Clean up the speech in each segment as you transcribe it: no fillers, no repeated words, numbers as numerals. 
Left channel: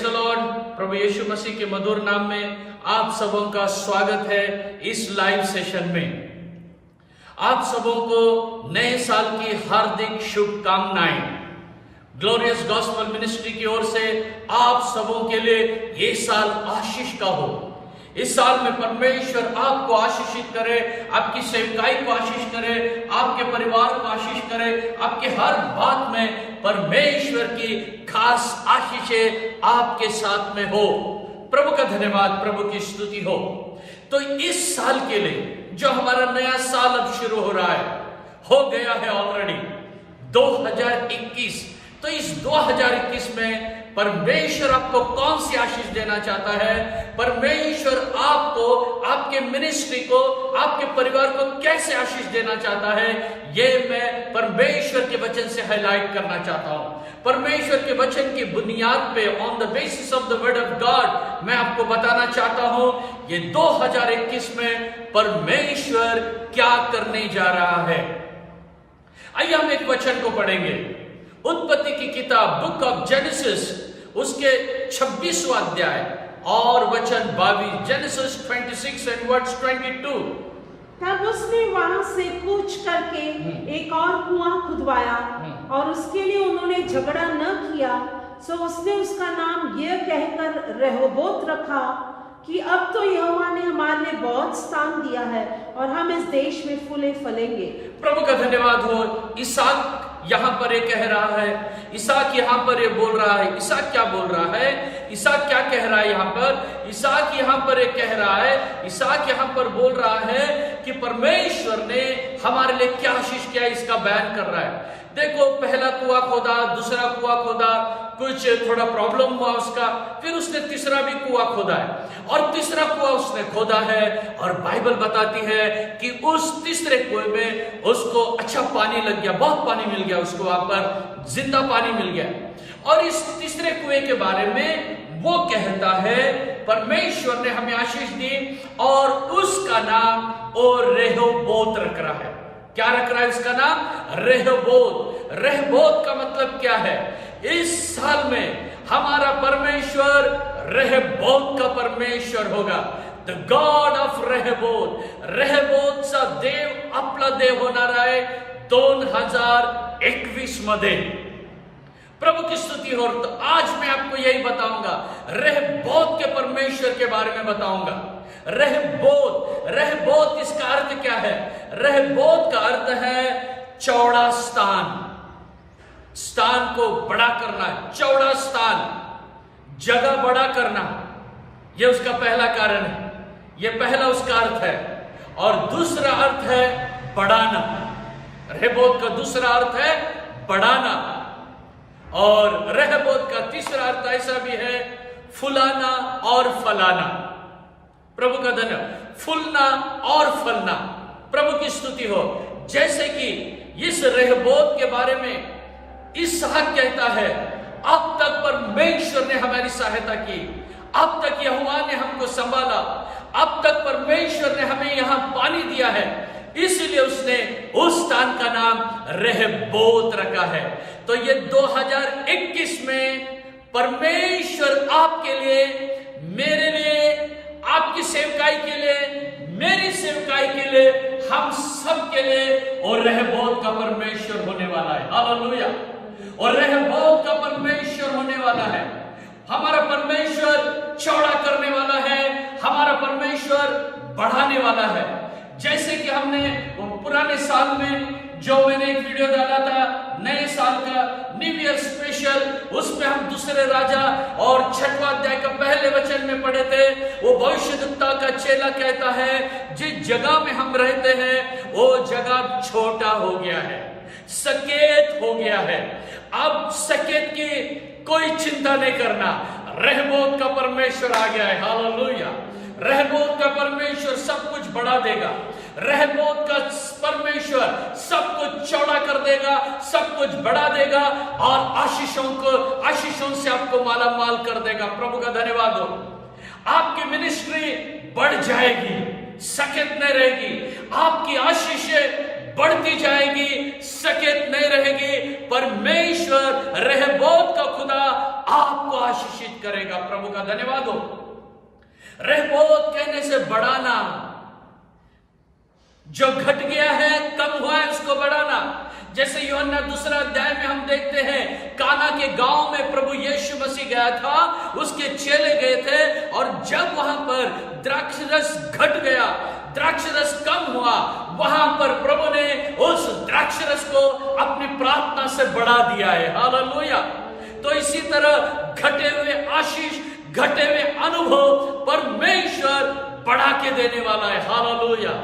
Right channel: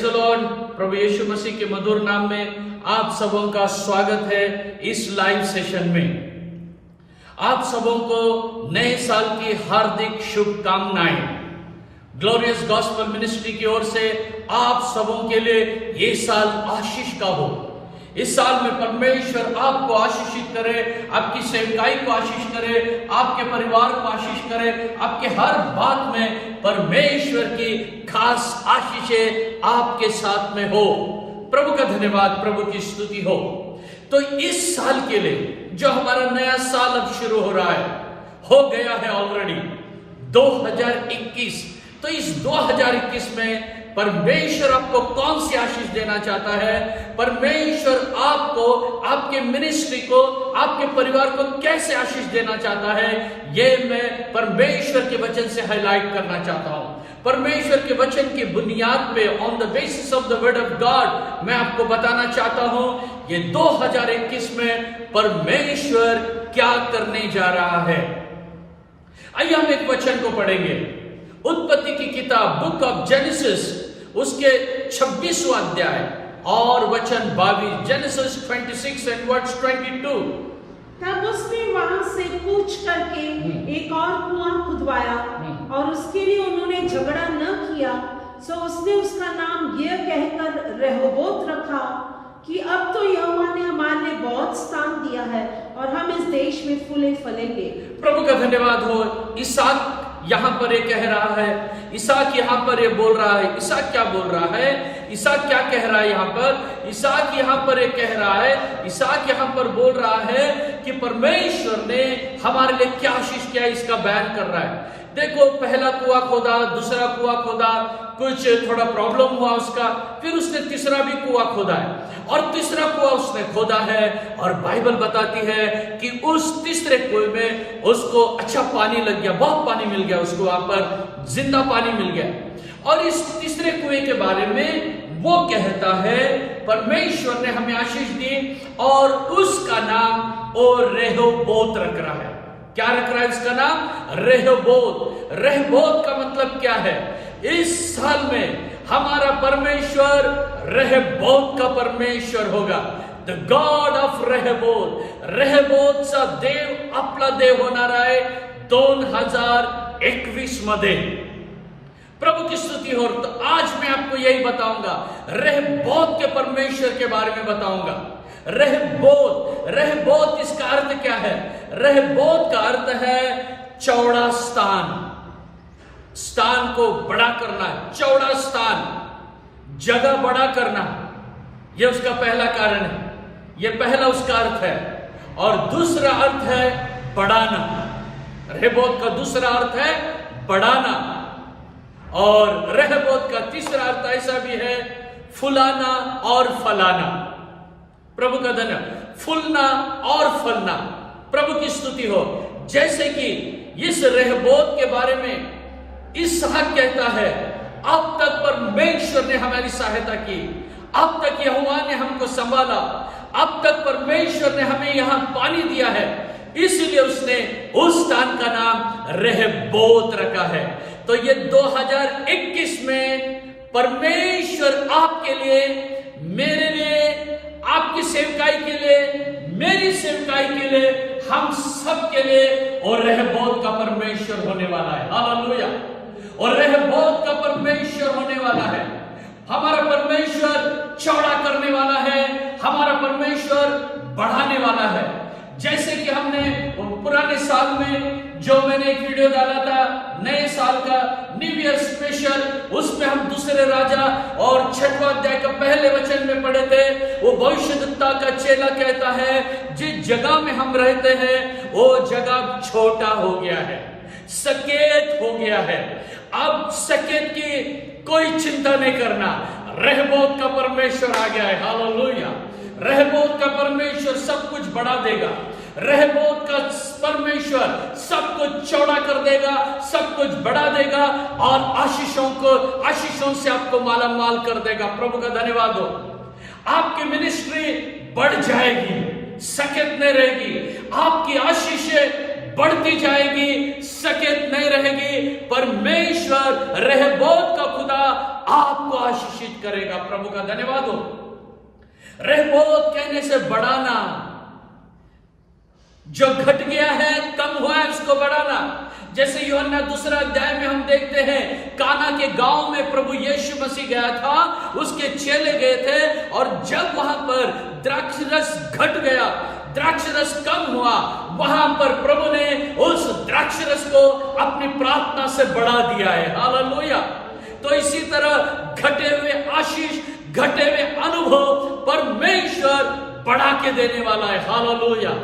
Praise the lord. प्रभु यीशु मसीह के मधुर नाम में आप सबों का स्वागत है इस लाइव सेशन में। आप सबों को नए साल की हार्दिक शुभकामनाएं। ग्लोरियस गॉस्पेल मिनिस्ट्री की ओर से आप सबों के लिए ये साल आशीष का हो। इस साल में परमेश्वर आपको आशीषित करे, आपकी सेवकाई को आशीष करे, आपके परिवार को आशीष करे, आपके हर बात में परमेश्वर की खास आशीषें आपके साथ में हो। प्रभु का धन्यवाद, प्रभु की स्तुति हो। तो इस साल के लिए जो हमारा नया साल अब शुरू हो रहा है, हो गया है ऑलरेडी 2021। तो इस 2021 में परमेश्वर आपको कौन सी आशीष देना चाहता है, परमेश्वर आपको, आपके मिनिस्ट्री को, आपके परिवार को कैसे आशीष देना चाहता है, ये मैं परमेश्वर के वचन से हाईलाइट करना चाहता हूं। परमेश्वर के वचन की बुनियाद पे, on the basis of the word of God, मैं आपको बताना चाहता हूं ये 2021 में परमेश्वर क्या करने जा रहा है। आइए हम एक वचन को पढ़ेंगे। उत्पत्ति की किताब, बुक ऑफ जेनेसिस, उसके 26वां अध्याय और वचन 22। Genesis 26 and verse 22। तब उसने वहां से कूच करके एक और कुआं खुदवाया और उसके लिए उन्होंने झगड़ा न किया, सो उसने उसका नाम यह कहकर रेहोबोत रखा कि अब तो यहोवा ने हमारे लिए बहुत स्थान दिया है और हम इस देश में फूले फलेंगे। प्रभु का धन्यवाद हो। इसहाक यहां पर ये कह रहा है, इसहाक यहां पर ये बोल रहा है। इसहाक क्या बोल रहा है? इसहाक क्या कह रहा है यहां पर? इसहाक यहां पर ये कह रहा है, इसहाक यहां पर बोल रहा है कि परमेश्वर ने हमारे लिए क्या आशीष किया, इसका बयान कर रहा है। देखो, पहला कुआं खोदा, दूसरा कुआं खोदा, कुछ थोड़ा प्रॉब्लम हुआ उसका, फिर उसने तीसरा भी कुआं खोदा है और तीसरा कुआं उसने खोदा है। और बाइबल बताती है कि उस तीसरे कुएं में उसको अच्छा पानी लग गया, बहुत पानी मिल गया उसको, वहां पर जिंदा पानी मिल गया। और इस तीसरे कुएं के बारे में वो कहता है परमेश्वर ने हमें आशीष दी और उसका नाम और रेहोबोत रख रहा है। क्या रख रहा है उसका नाम? रेहोबोत। रेहोबोत का मतलब क्या है? इस साल में हमारा परमेश्वर रेहोबोत का परमेश्वर होगा। The god of Rehoboth. Rehoboth चा देव आपला देव होणार आहे 2021 मध्ये। प्रभु की स्तुति हो। तो आज मैं आपको यही बताऊंगा, रेहोबोत के परमेश्वर के बारे में बताऊंगा। रेहोबोत, रेहोबोत इसका अर्थ क्या है? रेहोबोत का अर्थ है चौड़ा स्थान। स्थान को बड़ा करना है, चौड़ा स्थान, जगह बड़ा करना, यह उसका पहला कारण है, यह पहला उसका अर्थ है। और दूसरा अर्थ है बढ़ाना। रेहोबोत का दूसरा अर्थ है बढ़ाना। और रेहोबोत का तीसरा अर्थ ऐसा भी है फुलाना और फलाना। प्रभु का धन्यवाद। फूलना और फलना। प्रभु की स्तुति हो। जैसे कि इस रेहोबोत के बारे में इसहाक कहता है, अब तक परमेश्वर ने हमारी सहायता की, अब तक यहोवा ने हमको संभाला, अब तक परमेश्वर ने हमें यहां पानी दिया है, इसीलिए उसने उस स्थान का नाम रेहोबोत रखा है। तो ये 2021 में परमेश्वर आपके लिए, मेरे लिए, आपकी सेवकाई के लिए, मेरी सेवकाई के लिए, हम सब के लिए और रेहोबोत का परमेश्वर होने वाला है। हालेलुया। और रेहोबोत का परमेश्वर होने वाला है। हमारा परमेश्वर चौड़ा करने वाला है, हमारा परमेश्वर बढ़ाने वाला है। जैसे कि हमने पुराने साल में जो मैंने एक वीडियो डाला था नए साल का न्यू ईयर स्पेशल, उसमें हम दूसरे राजा और 6वां अध्याय का पहले वचन में पढ़े थे। वो भविष्यद्वक्ता का चेला कहता है जिस जगह में हम रहते हैं वो जगह छोटा हो गया है, सकेत हो गया है। अब सकेत की कोई चिंता नहीं करना, रेहोबोत का परमेश्वर आ गया है। हालेलुया। रेहोबोत का परमेश्वर सब कुछ बढ़ा देगा। रेहोबोत का परमेश्वर सब कुछ चौड़ा कर देगा, सब कुछ बढ़ा देगा और आशीषों से आपको माला माल कर देगा। प्रभु का धन्यवाद हो। आपकी मिनिस्ट्री बढ़ जाएगी, सकेत नहीं रहेगी। आपकी आशीषें बढ़ती जाएगी, सकेत नहीं रहेगी। परमेश्वर रेहोबोत का खुदा आपको आशीषित करेगा। प्रभु का धन्यवाद हो। रहबोत कहने से बढ़ाना, जो घट गया है, कम हुआ है, उसको बढ़ाना। जैसे यूहन्ना 2 अध्याय में हम देखते हैं, काना के गांव में प्रभु यीशु मसीह गया था, उसके चेले गए थे, और जब वहां पर द्राक्षरस घट गया, द्राक्षरस कम हुआ, वहां पर प्रभु ने उस द्राक्षरस को अपनी प्रार्थना से बढ़ा दिया है। हालेलुया। तो इसी तरह घटे हुए आशीष, घटे हुए अनुभव परमेश्वर बढ़ा के देने वाला है। हालेलुया।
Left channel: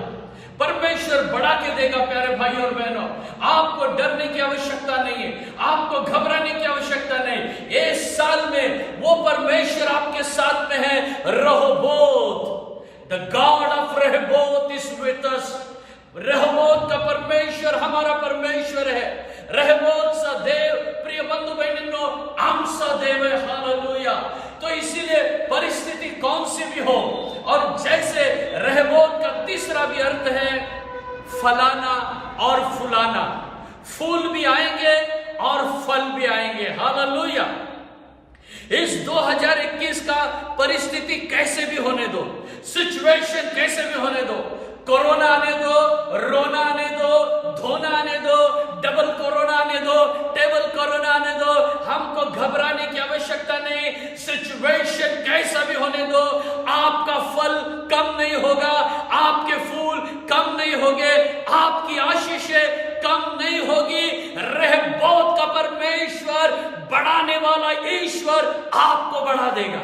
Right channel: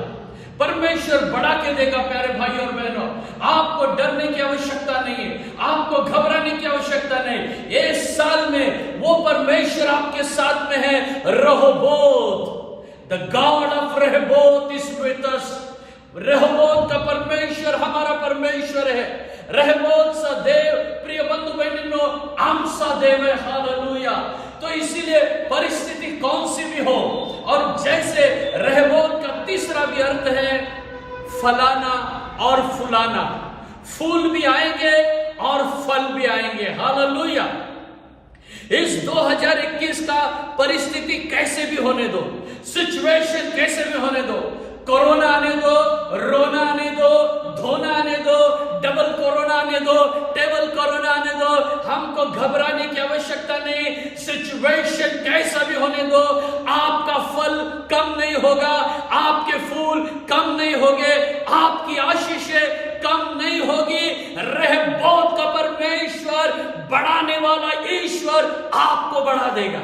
परमेश्वर बढ़ा के देगा। प्यारे भाई और बहनों, आपको डरने की आवश्यकता नहीं है, आपको घबराने की आवश्यकता नहीं। इस साल में वो परमेश्वर आपके साथ में है। Rehoboth, the god of Rehoboth is with us. Rehoboth का परमेश्वर हमारा परमेश्वर है। रहबोत सा देव, प्रिय बंधु बहनों, हम सा देव है। हालेलुया। तो इसीलिए परिस्थिति कौन सी भी हो, और जैसे रहबोत का तीसरा भी अर्थ है फलाना और फुलाना। फूल भी आएंगे और फल भी आएंगे। हालेलुया। इस 2021 का परिस्थिति कैसे भी होने दो, सिचुएशन कैसे भी होने दो, कोरोना आने दो, रोना आने दो, धोना आने दो, डबल कोरोना आने दो, टेबल कोरोना आने दो, हमको घबराने की आवश्यकता नहीं। सिचुएशन कैसा भी होने दो, आपका फल कम नहीं होगा, आपके फूल कम नहीं होंगे, आपकी आशीषें कम नहीं होगी। रहबोत का परमेश्वर, बढ़ाने वाला ईश्वर आपको बढ़ा देगा,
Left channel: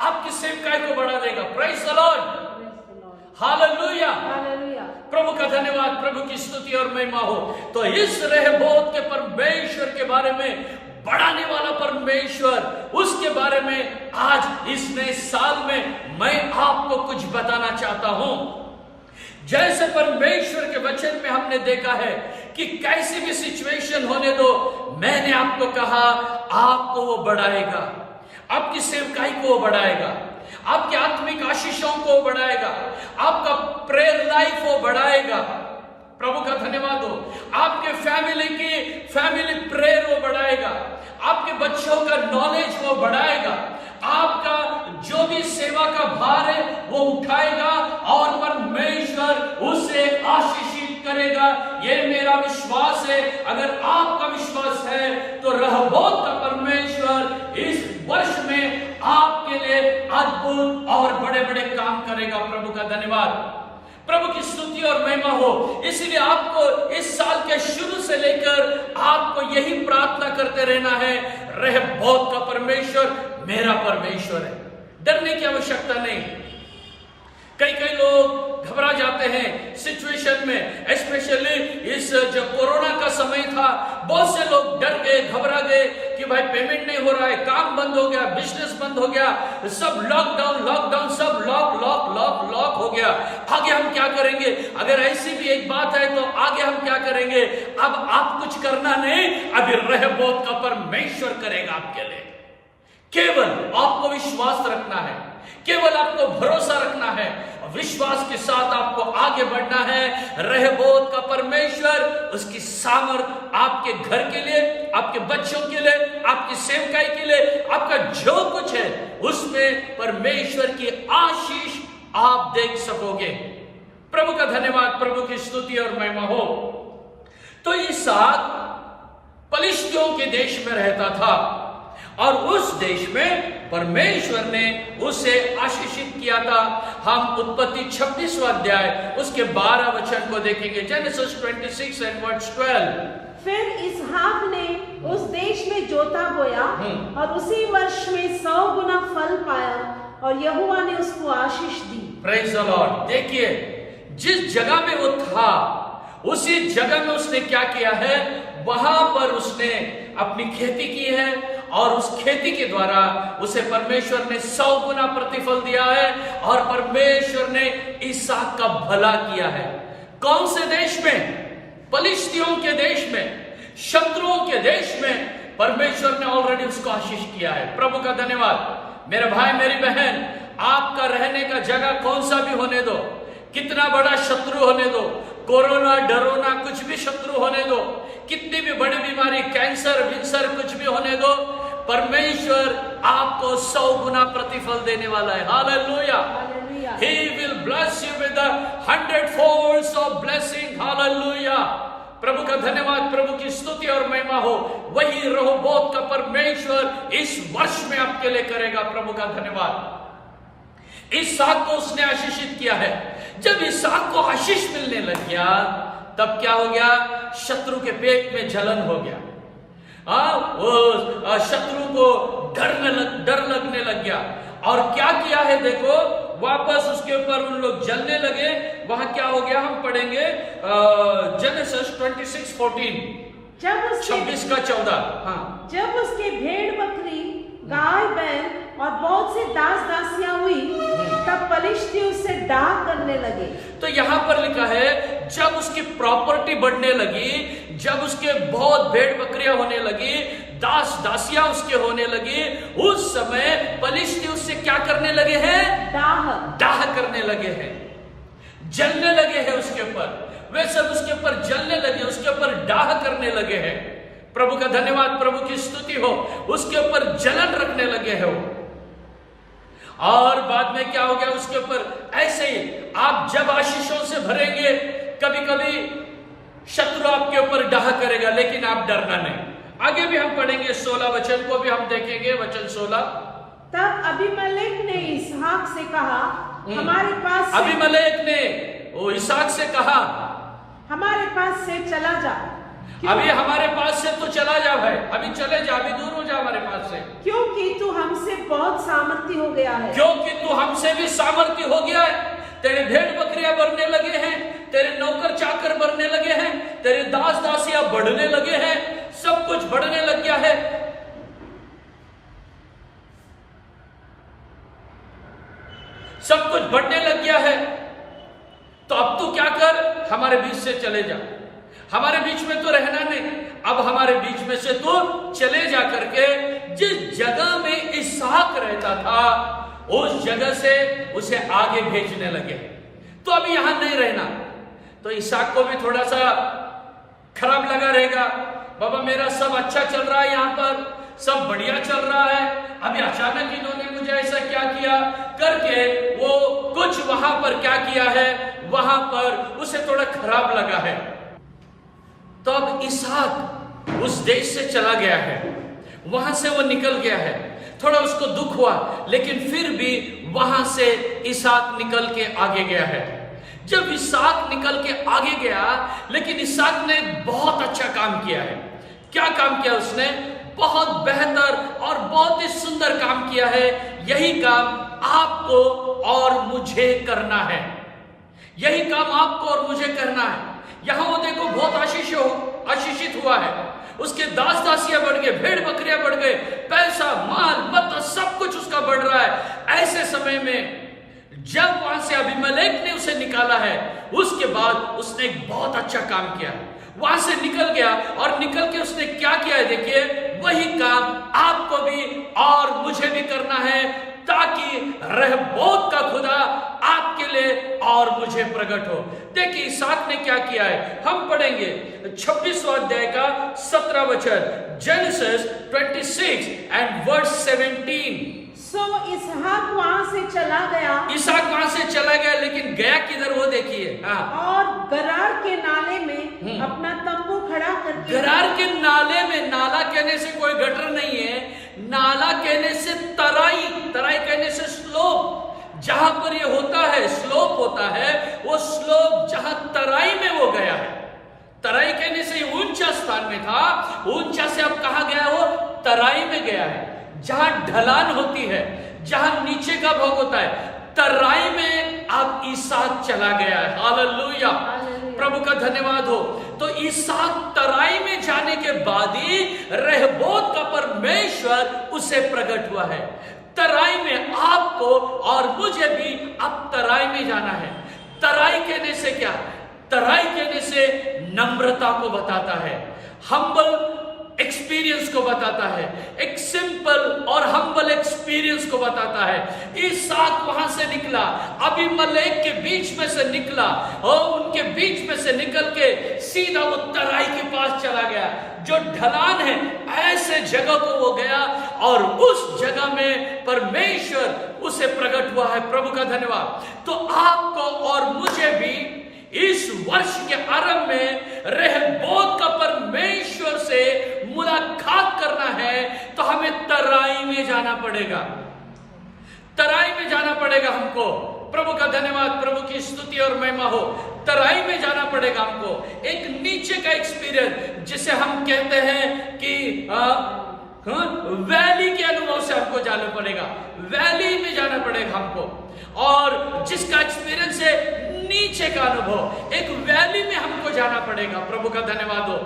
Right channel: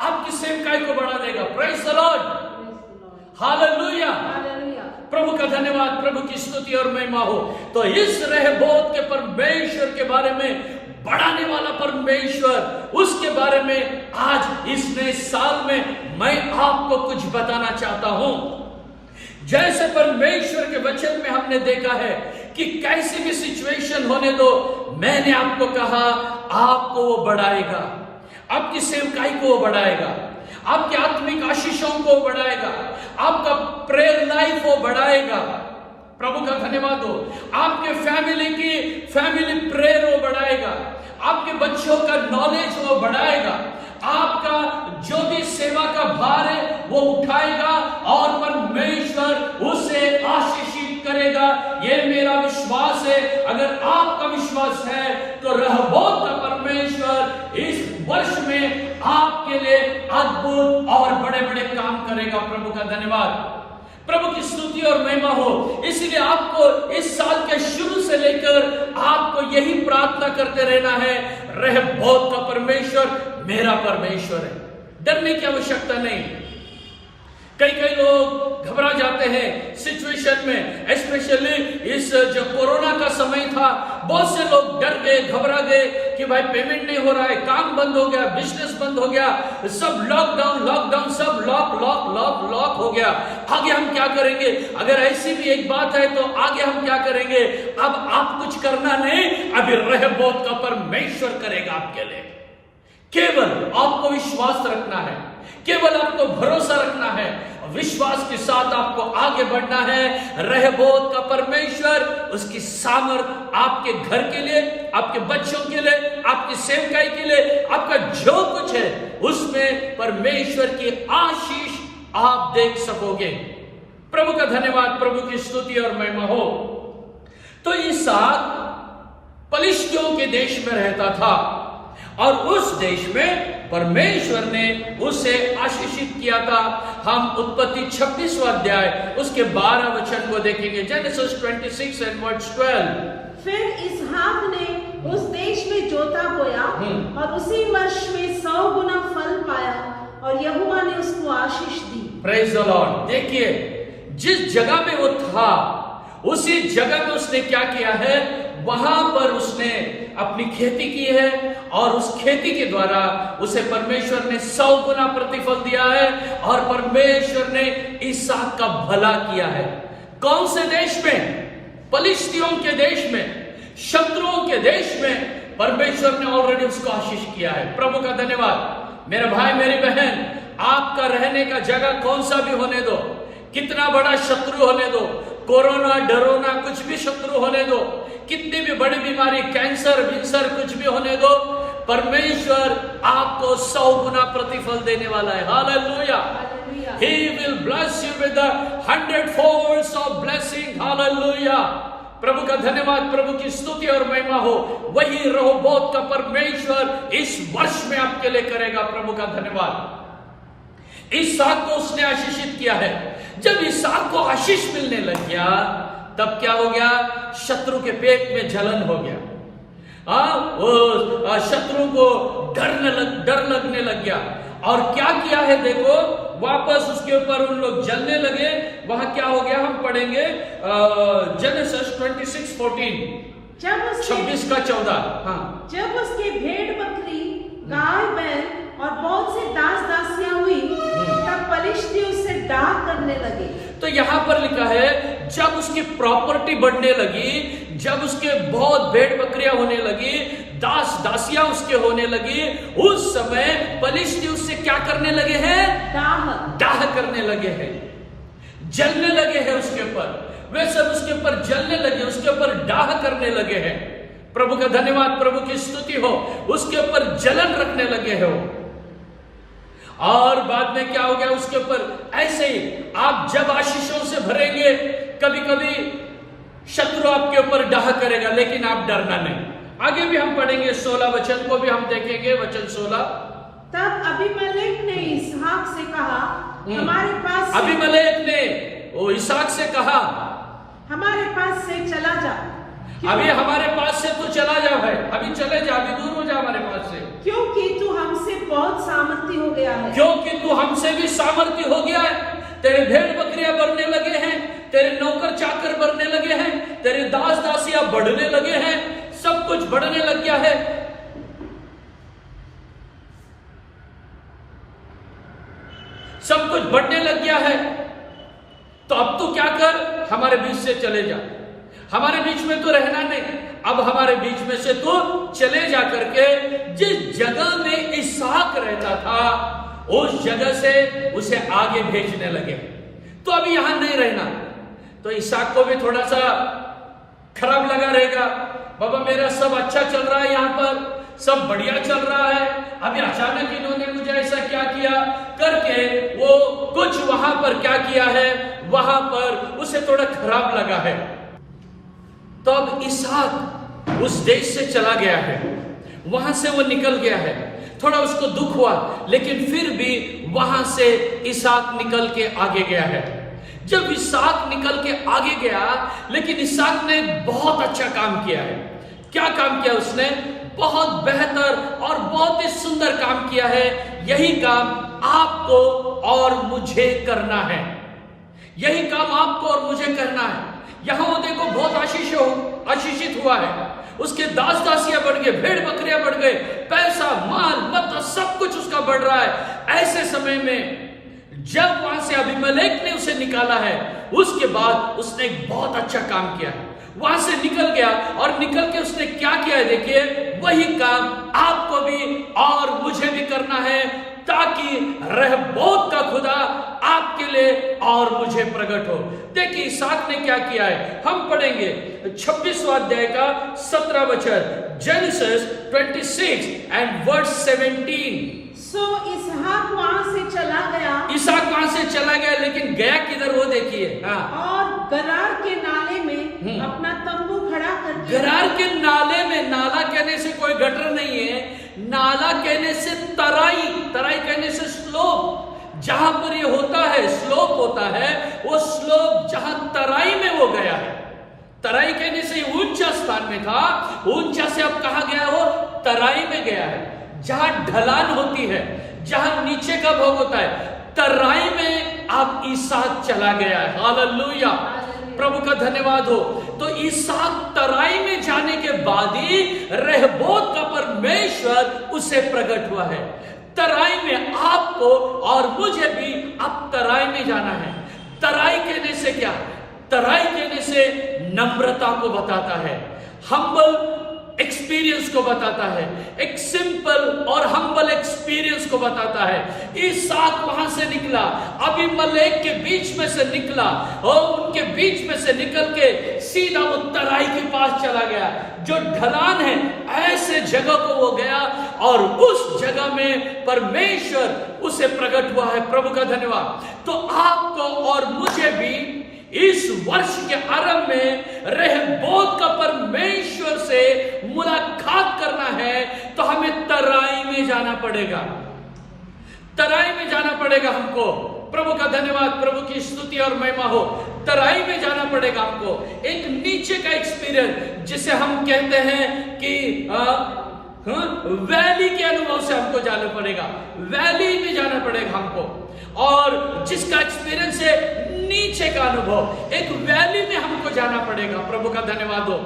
आपकी सेवकाई को बढ़ा देगा। Praise the Lord. हालेलुया। प्रभु का धन्यवाद, प्रभु की स्तुति और महिमा हो। तो इस रहबोत के परमेश्वर के बारे में, बढ़ाने वाला परमेश्वर, उसके बारे में आज इस नए साल में मैं आपको कुछ बताना चाहता हूं। जैसे परमेश्वर के वचन में हमने देखा है कि कैसी भी सिचुएशन होने दो, मैंने आपको कहा आपको वो बढ़ाएगा, आपकी सेवकाई को वो बढ़ाएगा, आपके आत्मिक आशीषों को वो बढ़ाएगा, आपका प्रेयर लाइफ वो बढ़ाएगा। प्रभु का धन्यवाद हो। आपके फैमिली प्रेयर वो बढ़ाएगा, आपके बच्चों का नॉलेज वो बढ़ाएगा, आपका जो भी सेवा का भार है वो उठाएगा, और परमेश्वर उसे आशीषित करेगा। ये मेरा विश्वास है। अगर आपका विश्वास है तो रहबोत का परमेश्वर इस वर्ष में आपके लिए अद्भुत और बड़े बड़े काम करेगा। प्रभु का धन्यवाद, प्रभु की स्तुति और महिमा हो। इसलिए आपको इस साल के शुरू से लेकर आपको यही प्रार्थना करते रहना है, रहबोत का परमेश्वर मेरा परमेश्वर है। डरने की आवश्यकता नहीं। कई लोग घबरा जाते हैं सिचुएशन में, स्पेशली इस जो कोरोना का समय था, बहुत से लोग डर गए, घबरा गए कि भाई पेमेंट नहीं हो रहा है, काम बंद हो गया, बिजनेस बंद हो गया, सब लॉकडाउन, सब लॉक हो गया। आगे हम क्या करेंगे? अगर ऐसी भी एक बात है तो आगे हम क्या करेंगे? अब आप कुछ करना नहीं, अभी रहबोत का परमेश्वर करेगा आपके लिए। केवल आपको विश्वास रखना है, केवल आपको भरोसा रखना है, विश्वास के साथ आपको आगे बढ़ना है। रहबोत का परमेश्वर, उसकी सामर्थ आपके घर के लिए, आपके बच्चों के लिए, आपकी सेवकाई के लिए, आपका जो कुछ है उसमें परमेश्वर की आशीष आप देख सकोगे। प्रभु का धन्यवाद, प्रभु की स्तुति और महिमा हो। तो इसहाक पलिश्तियों के देश में रहता था, और उस देश में परमेश्वर ने उसे आशीषित किया था। हम उत्पत्ति 26वां अध्याय उसके 12 वचन को देखेंगे। Genesis 26 and verse 12। फिर इसहाक ने उस देश में जोता बोया, और उसी वर्ष में 100 गुना फल पाया, और यहोवा ने उसको आशीष दी। Praise the lord. देखिए, जिस जगह में वो था उसी जगह में उसने क्या किया है, वहां पर उसने अपनी खेती की है, और उस खेती के द्वारा उसे परमेश्वर ने 100 गुना प्रतिफल दिया है, और परमेश्वर ने इसहाक का भला किया है। कौन से देश में? पलिश्तियों के देश में, शत्रुओं के देश में परमेश्वर ने ऑलरेडी उसको आशीष किया है। प्रभु का धन्यवाद। मेरे भाई, मेरी बहन, आपका रहने का जगह कौन सा भी होने दो, कितना बड़ा शत्रु होने दो, कोरोना, डरोना, कुछ भी शत्रु होने दो, कितनी भी बड़ी बीमारी, कैंसर, विंसर, कुछ भी होने दो, परमेश्वर आपको 100 गुना प्रतिफल देने वाला है। Hallelujah. He will bless you with the 100 folds of blessing. Hallelujah. प्रभु का धन्यवाद, प्रभु की स्तुति और महिमा हो। वही रहोबोत का परमेश्वर इस वर्ष में आपके लिए करेगा। प्रभु का धन्यवाद। इसहाक को उसने आशीषित किया है। जब इसहाक को आशीष मिलने लग गया तब क्या हो गया? शत्रु के पेट में जलन हो गया। वो शत्रु को डर लगने लग गया। और क्या किया है देखो, वापस उसके ऊपर उन लोग जलने लगे। वहां क्या हो गया हम पढ़ेंगे जेनेसिस 26:14, 26 का 14। हाँ, जब उसके भेड़ बकरी गाय बैल और बहुत से दास दासियां हुई तब पलिश्ती उससे डाह करने लगे। तो यहाँ पर लिखा है जब उसकी प्रॉपर्टी बढ़ने लगी, जब उसके बहुत भेड़ बकरियां होने लगी, दास दासियां उसके होने लगी, उस समय पलिश्ती उससे क्या करने लगे हैं? डाह करने लगे हैं, जलने लगे हैं उसके ऊपर। वे सब उसके ऊपर जलने लगे, उसके ऊपर डाह करने लगे हैं। प्रभु का धन्यवाद, प्रभु की स्तुति हो। उसके ऊपर जलन रखने लगे हो। और बाद में क्या हो गया उसके ऊपर? ऐसे ही आप जब आशीषों से भरेंगे, कभी कभी शत्रु आपके ऊपर डाह करेगा, लेकिन आप डरना नहीं। आगे भी हम पढ़ेंगे 16 वचन को भी हम देखेंगे, वचन 16। तब अबीमेलेक ने इसहाक से कहा, हमारे पास अबीमेलेक ने वो इसहाक से कहा, हमारे पास से चला जा। अभी हमारे पास से तो चला जा भाई, अभी चले जा, अभी दूर हो जा हमारे पास से, क्योंकि तू हमसे बहुत सामर्थी हो गया है। क्योंकि तू हमसे भी सामर्थी हो गया है। तेरे भेड़ बकरियां बढ़ने लगे हैं, तेरे नौकर चाकर बढ़ने लगे हैं, तेरे दास दासियां बढ़ने लगे हैं, सब कुछ बढ़ने लग गया है। सब कुछ बढ़ने लग गया है। तो अब तू क्या कर, हमारे बीच से चले जा। हमारे बीच में तो रहना नहीं, अब हमारे बीच में से तो चले जा करके जिस जगह में इसहाक रहता था उस जगह से उसे आगे भेजने लगे। तो अभी यहां नहीं रहना। तो इसहाक को भी थोड़ा सा खराब लगा रहेगा, बाबा मेरा सब अच्छा चल रहा है, यहां पर सब बढ़िया चल रहा है, अभी अचानक इन्होंने मुझे ऐसा क्या किया करके वो कुछ वहां पर क्या किया है, वहां पर उसे थोड़ा खराब लगा है। तो अब इसहाक उस देश से चला गया है, वहां से वो निकल गया है। थोड़ा उसको दुख हुआ, लेकिन फिर भी वहां से इसहाक निकल के आगे गया है। जब इसहाक निकल के आगे गया, लेकिन इसहाक ने बहुत अच्छा काम किया है। क्या काम किया उसने? बहुत बेहतर और बहुत ही सुंदर काम किया है। यही काम आपको और मुझे करना है। यही काम आपको और मुझे करना है। यहां वो देखो बहुत आशीषित हुआ है। उसके दास दासियां बढ़ गए, भेड़ बकरियां बढ़ गए, पैसा माल मतलब सब कुछ उसका बढ़ रहा है। ऐसे समय में जब वहां से अबीमेलेक ने उसे निकाला है, उसके बाद उसने एक बहुत अच्छा काम किया है। वहां से निकल गया और निकल के उसने क्या किया है देखिए, वही काम आपको भी और मुझे भी करना है, ताकि रहबोत का खुदा आपके लिए और मुझे प्रकट हो। देखिए इसहाक ने क्या किया है, हम पढ़ेंगे 26वां अध्याय का 17 वचन, जेनेसिस 26 एंड वर्स 17। सो इसहाक वहां से चला गया। इसहाक वहां से चला गया, लेकिन गया किधर वो देखिए। हाँ, और गरार के नाले में अपना तंबू खड़ा करके। गरार के नाले में, नाला कहने से कोई गटर नहीं है, नाला कहने से तराई, तराई कहने से स्लोप। जहां पर ये होता है स्लोप होता है, वो स्लोप जहां तराई में वो गया है। तराई कहने से ऊंचा स्थान में था, ऊंचा से अब कहां गया वो? तराई में गया है, जहां ढलान होती है, जहां नीचे का भाग होता है, तराई में अब इसहाक चला गया है। हालेलुया, प्रभु का धन्यवाद हो। तो इसहाक तराई में जाने के बाद ही रहबोत का परमेश्वर उसे प्रकट हुआ है। तराई में आपको और मुझे भी अब तराई में जाना है। तराई कहने से क्या? तराई कहने से नम्रता को बताता है, हम्बल एक्सपीरियंस को बताता है, एक सिंपल और हम्बल एक्सपीरियंस को बताता है। इसहाक वहां से निकला, अबीमेलेक के बीच में से निकला और उनके बीच में से निकल के सीधा वो तराई के पास चला गया, जो ढलान है, ऐसे जगह को वो गया और उस जगह में परमेश्वर उसे प्रकट हुआ है। प्रभु का धन्यवाद। तो आपको और मुझे भी इस वर्ष के आरंभ में रहबोत का परमेश्वर से मुलाकात करना है, तो हमें तराई में जाना पड़ेगा। तराई में जाना पड़ेगा हमको। प्रभु का धन्यवाद, प्रभु की स्तुति और महिमा हो। तराई में जाना पड़ेगा हमको, एक नीचे का एक्सपीरियंस, जिसे हम कहते हैं कि वैली के अनुभव से हमको जाना पड़ेगा। वैली में जाना पड़ेगा हमको, और जिसका एक्सपीरियंस है नीचे का अनुभव, एक वैली में हमको जाना पड़ेगा। प्रभु का धन्यवाद हो।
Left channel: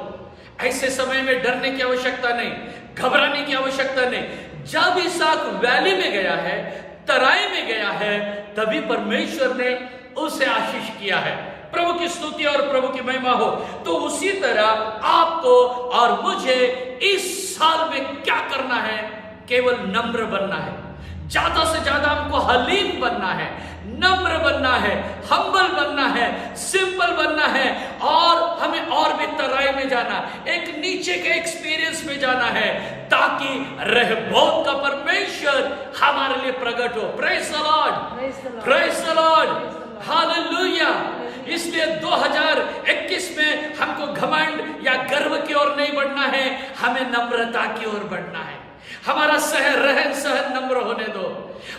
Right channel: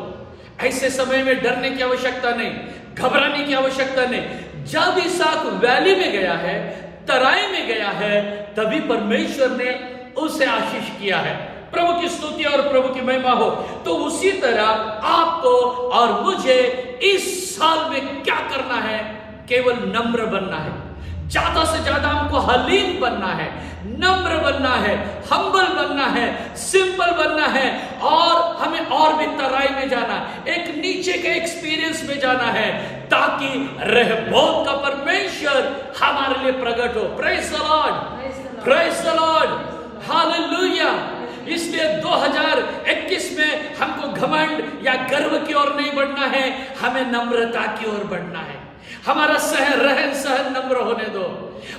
ऐसे समय में डरने की आवश्यकता नहीं, घबराने की आवश्यकता नहीं। जब इसहाक वैली में गया है, तराई में गया है, तभी परमेश्वर ने उसे आशीष किया है। प्रभु की स्तुति और प्रभु की महिमा हो। तो उसी तरह आपको और मुझे इस साल में क्या करना है? केवल नम्र बनना है। ज्यादा से ज्यादा हमको हलीम बनना है, नम्र बनना है, हम्बल बनना है, सिंपल बनना है, और हमें और भी तराई में जाना, एक नीचे के एक्सपीरियंस में जाना है, ताकि रहबोत का परमेश्वर हमारे लिए प्रकट हो। Praise the lord, praise the Lord, hallelujah. इसलिए 2021 में हमको घमंड या गर्व की ओर नहीं बढ़ना है, हमें नम्रता की ओर बढ़ना है। हमारा रहन सहन नम्र होने दो,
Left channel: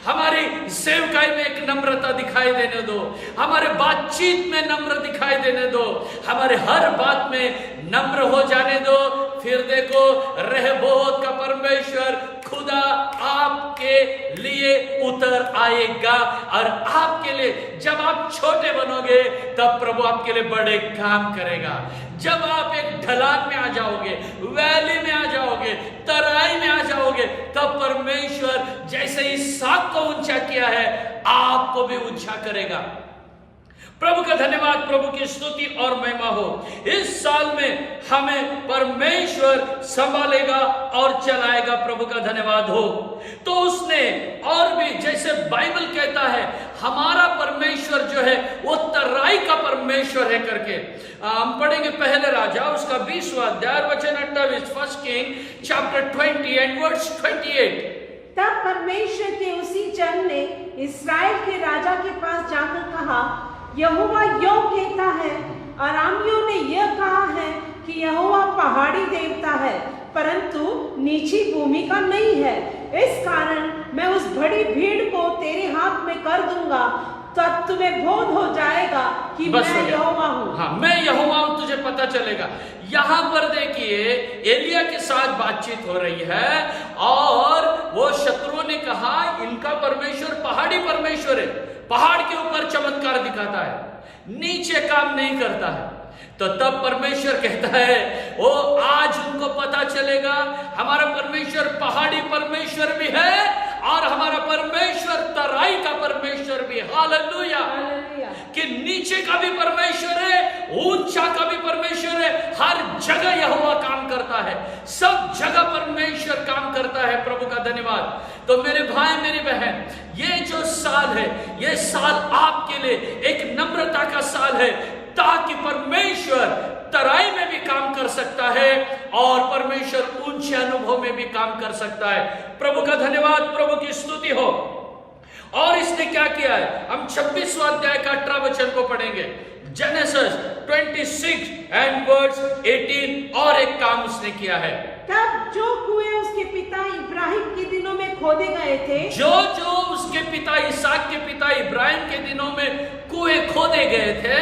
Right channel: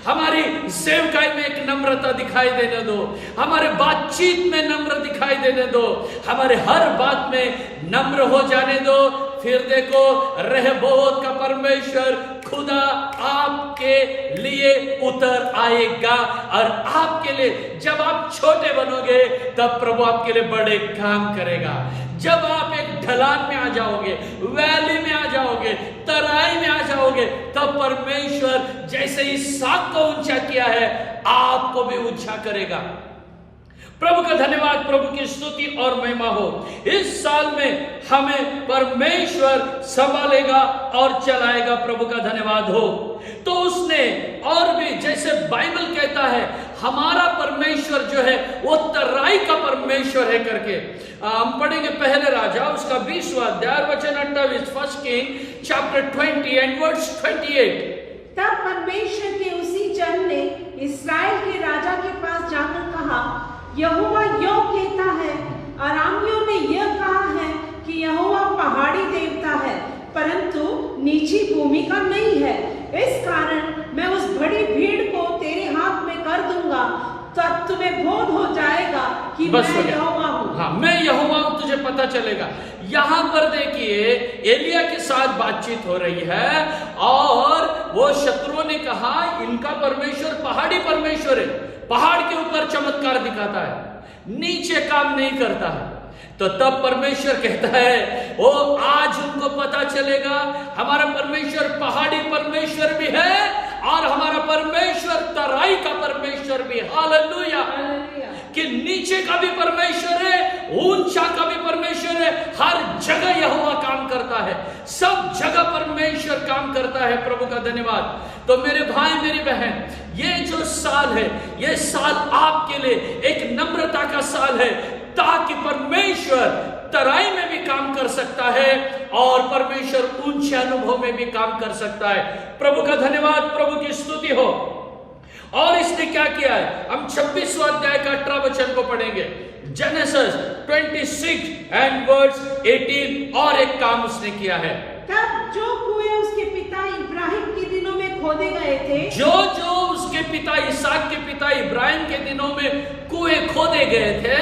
हमारी सेवकाई में एक नम्रता दिखाई देने दो, हमारे बातचीत में नम्र दिखाई देने दो, हमारे हर बात में नम्र हो जाने दो। फिर देखो, रहबोत का परमेश्वर खुदा आपके लिए उतर आएगा, और आपके लिए, जब आप छोटे बनोगे तब प्रभु आपके लिए बड़े काम करेगा। जब आप एक ढलान में आ जाओगे, वैली में आ जाओगे, तराई में आ जाओगे, तब परमेश्वर जैसे इसहाक को ऊंचा किया है, आपको भी ऊंचा करेगा। प्रभु का धन्यवाद, प्रभु की स्तुति और महिमा हो। इस साल में हमें परमेश्वर संभालेगा और चलाएगा। प्रभु का धन्यवाद हो। तो उसने और भी, जैसे बाइबल कहता है, हमारा परमेश्वर जो है वो तराई का परमेश्वर है करके। हम पढ़ेंगे पहले राजा उसका 20वां अध्याय वचन 28, first king chapter 20 and verse 28। तब परमेश्वर के उसी जन ने इस्राएल के राजा के पास जाकर कहा, यहोवा यो कहता है, अरामियों ने यह कहा है कि यहोवा पहाड़ी देवता है, परंतु नीची भूमि का नहीं है। इस कारण मैं उस बड़ी भीड़ को तेरे हाथ में कर दूंगा, तब तुम्हें बोध हो जाएगा कि मैं यहोवा हूँ। हाँ, मैं यहोवा हूँ, तुझे पता चलेगा। यहाँ पर देखिए, एलिया के साथ बातचीत हो रही है, और वो शत्रुओं ने कहा इनका परमेश्वर पहाड़ी परमेश्वर है, पहाड़ के ऊपर चमत्कार दिखाता है, नीचे काम नहीं करता है। तो तब परमेश्वर कहता है, ओ आज उनको पता चलेगा हमारा परमेश्वर पहाड़ी परमेश्वर भी है, और हमारा परमेश्वर तराई का परमेश्वर भी। हालेलुया। कि नीचे का भी परमेश्वर है, ऊंचा का भी परमेश्वर है, हर जगह यहोवा काम करता है, सब जगह परमेश्वर काम करता है। प्रभु का धन्यवाद। तो मेरे भाई मेरी बहन, ये जो साल है, ये साल आपके लिए एक नम्रता का साल है, ताकि परमेश्वर तराई में भी काम कर सकता है, और परमेश्वर ऊंचे अनुभव में भी काम कर सकता है। प्रभु का धन्यवाद, प्रभु की स्तुति हो। और इसने क्या किया है? हम 26वां अध्याय का 18 वचन को पढ़ेंगे, जेनेसिस 26 एंड वर्स 18। और एक काम उसने किया है। तब जो कुएं उसके पिता इब्राहिम के दिनों में खोदे गए थे, जो उसके पिता इसहाक के पिता इब्राहिम के दिनों में कुएं खोदे गए थे,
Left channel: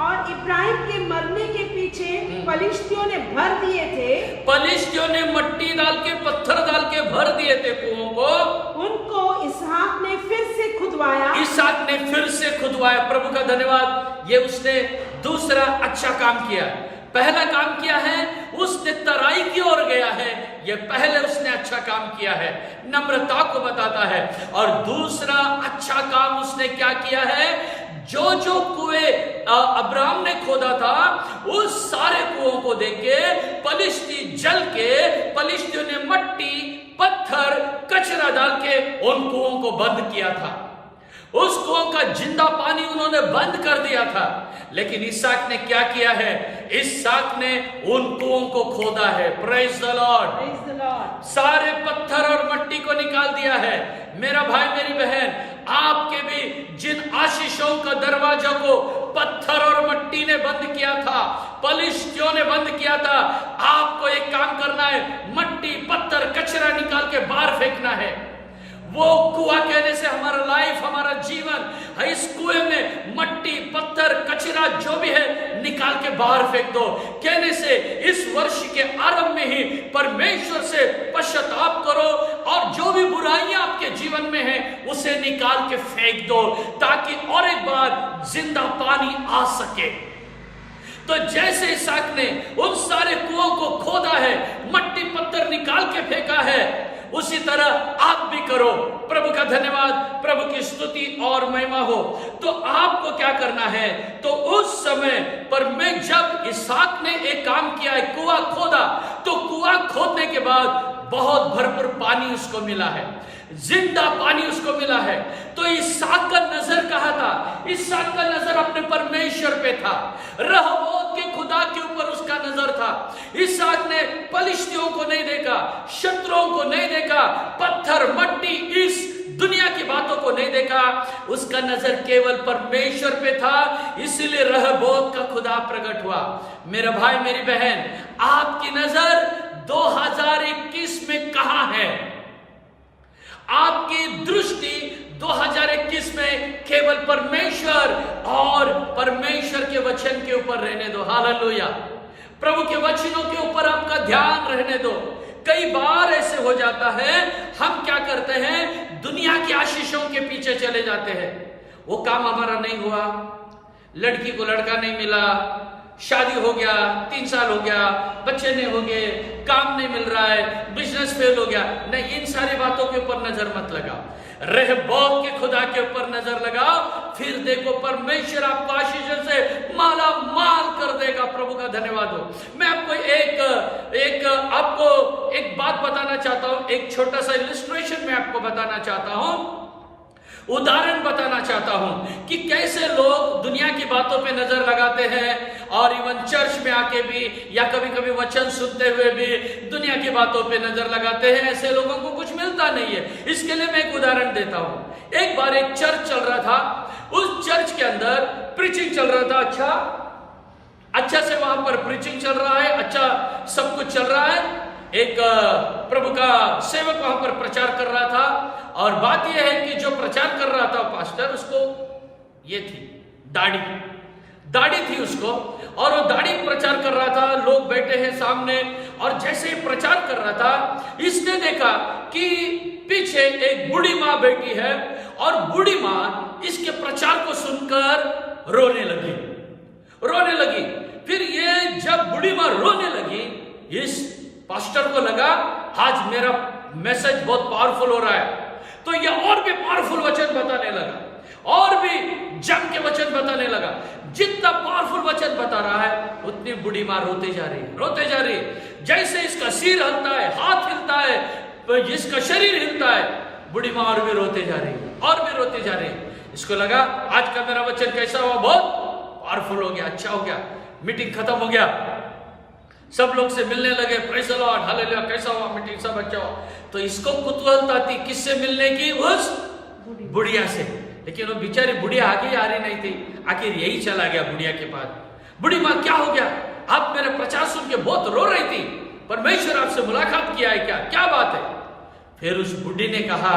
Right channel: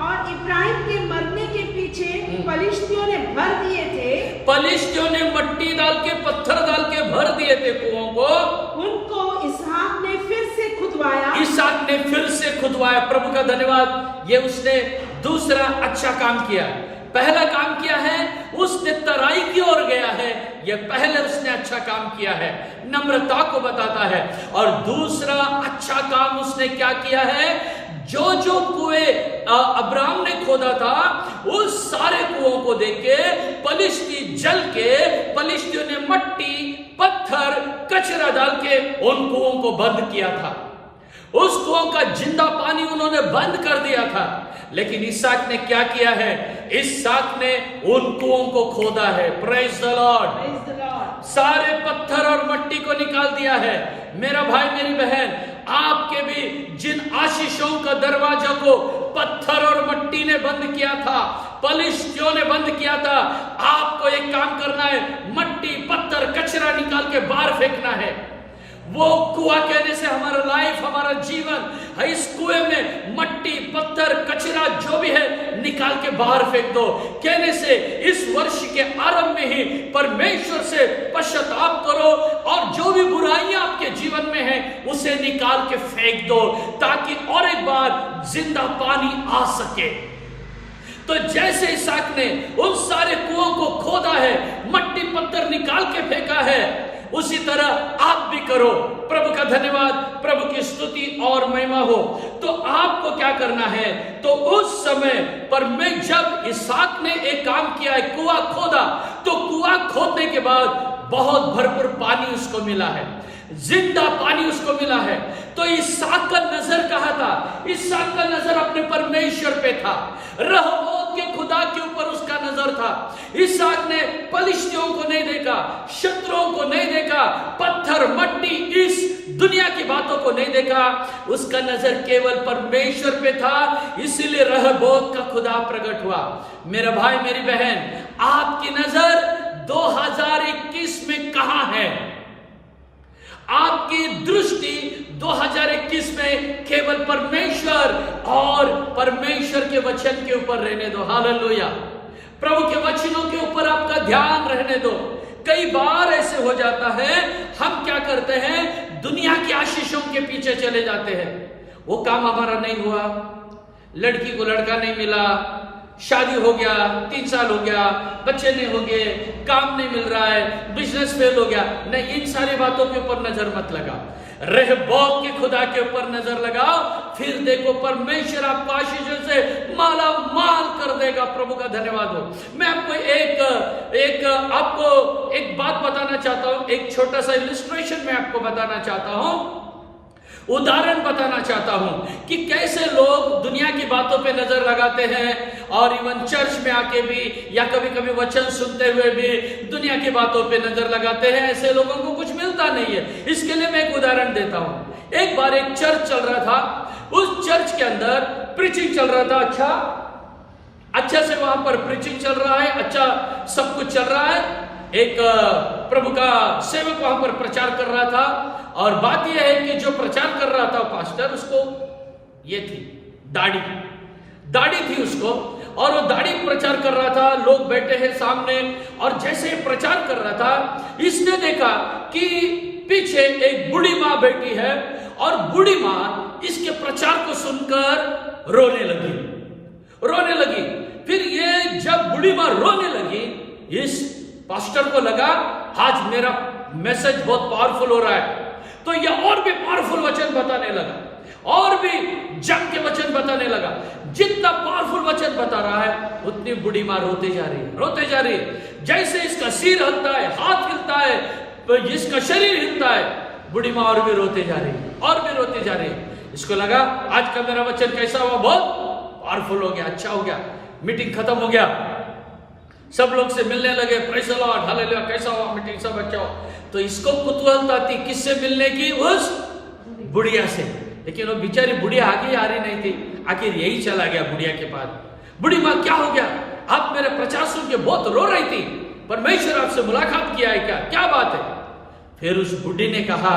और इब्राहिम के मरने के पीछे पलिश्तियों ने भर दिए थे, पलिश्तियों ने मट्टी डाल के, पत्थर डाल के भर दिए थे कुओं को, उनको इसहाक ने फिर से खुदवाया। इसहाक ने फिर से खुदवाया। प्रभु का धन्यवाद। ये उसने दूसरा अच्छा काम किया। पहला काम किया है, उसने तराई की ओर गया है, ये पहले उसने अच्छा काम किया है, नम्रता को बताता है। और दूसरा अच्छा काम उसने क्या किया है? जो कुएं अब्राहम ने खोदा था, उस सारे कुओं को देख के पलिश्ती जल के, पलिश्तियों ने मट्टी, पत्थर, कचरा डाल के उन कुओं को बंद किया था। उस कुओं का जिंदा पानी उन्होंने बंद कर दिया था। लेकिन इसहाक ने क्या किया है? इसहाक ने उन कुओं को खोदा है। Praise the Lord. सारे पत्थर और मट्टी को निकाल दिया है। मेरा भाई मेरी बहन, आपके भी जिन आशीषों का दरवाजा को पत्थर और मट्टी ने बंद किया था, पलिश्तियों ने बंद किया था, आपको एक काम करना है, मट्टी पत्थर कचरा निकाल के बाहर फेंकना है। वो कुआं कहने से हमारा लाइफ, हमारा जीवन, इस कुएं में मट्टी पत्थर कचरा जो भी है निकाल के बाहर फेंक दो। कहने से इस वर्ष के आरंभ में ही परमेश्वर से पश्चाताप करो और जो भी बुराइयां आपके जीवन में है उसे निकाल के फेंक दो, ताकि और एक बार जिंदा पानी आ सके। तो जैसे इसहाक ने उन सारे कुओं को खोदा है, मट्टी पत्थर निकाल के फेंका है, उसी तरह आप भी करो। प्रभु का धन्यवाद, प्रभु की स्तुति और महिमा हो। तो आपको क्या करना है? तो उस समय पर मैं जब इसहाक ने एक काम किया है, कुआं खोदा, तो कुआं खोदने के बाद बहुत भरपूर पानी उसको मिला है, जिंदा पानी उसको मिला है। तो इसहाक का नजर कहां था? इसहाक का नजर अपने परमेश्वर पे था, रहबोत के खुदा के ऊपर उसका नजर था। इसहाक ने पलिश्तियों को नहीं देखा, शत्रुओं को नहीं देखा, पत्थर मट्टी इस दुनिया की बातों को नहीं देखा, उसका नजर केवल परमेश्वर पे था। इसीलिए रहबोत का खुदा प्रकट हुआ। मेरा भाई मेरी बहन, आपकी नजर 2021 में कहां है? आपकी दृष्टि 2021 में केवल परमेश्वर और परमेश्वर के वचन के ऊपर रहने दो। हालेलुया। प्रभु के वचनों के ऊपर आपका ध्यान रहने दो। कई बार ऐसे हो जाता है, हम क्या करते हैं, दुनिया की आशीषों के पीछे चले जाते हैं। वो काम हमारा नहीं हुआ, लड़की को लड़का नहीं मिला, शादी हो गया, 3 साल हो गया, बच्चे नहीं हो गए, काम नहीं मिल रहा है, बिजनेस फेल हो गया। नहीं, इन सारी बातों के ऊपर नजर मत लगाओ, रहबोत के खुदा के ऊपर नजर लगाओ। फिर देखो परमेश्वर आपको आशीषों से माला माल कर देगा। प्रभु का धन्यवाद हो। मैं आपको एक बात बताना चाहता हूं, एक छोटा सा इलिस्ट्रेशन मैं आपको बताना चाहता हूं, उदाहरण बताना चाहता हूं कि कैसे लोग दुनिया की बातों पे नजर लगाते हैं और इवन चर्च में आके भी या कभी कभी वचन सुनते हुए भी दुनिया की बातों पे नजर लगाते हैं। ऐसे लोगों को कुछ मिलता नहीं है। इसके लिए मैं एक उदाहरण देता हूं। एक बार एक चर्च चल रहा था, उस चर्च के अंदर प्रीचिंग चल रहा था। अच्छा से वहां पर प्रीचिंग चल रहा है, अच्छा सब कुछ चल रहा है। एक प्रभु का सेवक वहां पर प्रचार कर रहा था, और बात यह है कि जो प्रचार कर रहा था पास्टर, उसको ये थी दाढ़ी थी उसको, और वो दाढ़ी प्रचार कर रहा था। लोग बैठे हैं सामने, और जैसे ही प्रचार कर रहा था, इसने देखा कि पीछे एक बूढ़ी मां बैठी है, और बूढ़ी मां इसके प्रचार को सुनकर रोने लगी। फिर ये जब बूढ़ी मां रोने लगी, इस पास्टर को लगा आज मेरा मैसेज बहुत पावरफुल हो रहा है, तो ये और भी पावरफुल वचन बताने लगा, और भी जम के वचन बताने लगा। जितना पावरफुल वचन बता रहा है, उतनी बूढ़ी मां रोते जा रही है। जैसे इसका सिर हिलता है, हाथ हिलता है, इसका शरीर हिलता है, बूढ़ी मां और भी रोते जा रही है। इसको लगा आज का मेरा वचन कैसा हुआ, बहुत पावरफुल हो गया, अच्छा हो गया। मीटिंग खत्म हो गया, सब लोग से मिलने लगे, प्रेज़ द लॉर्ड, हालेलुया, कैसा हुआ मीटिंग, सब अच्छा हुआ। तो इसको कुतूहलता थी किससे मिलने की, उस बुढ़िया से। लेकिन वो बेचारी बुढ़िया आगे आ रही नहीं थी, आखिर यही चला गया बुढ़िया के पास। बुढ़ी मां क्या हो गया, आप मेरा प्रचार सुन के बहुत रो रही थी, परमेश्वर आपसे मुलाकात किया है क्या बात है? फिर उस बुढ़ी ने कहा,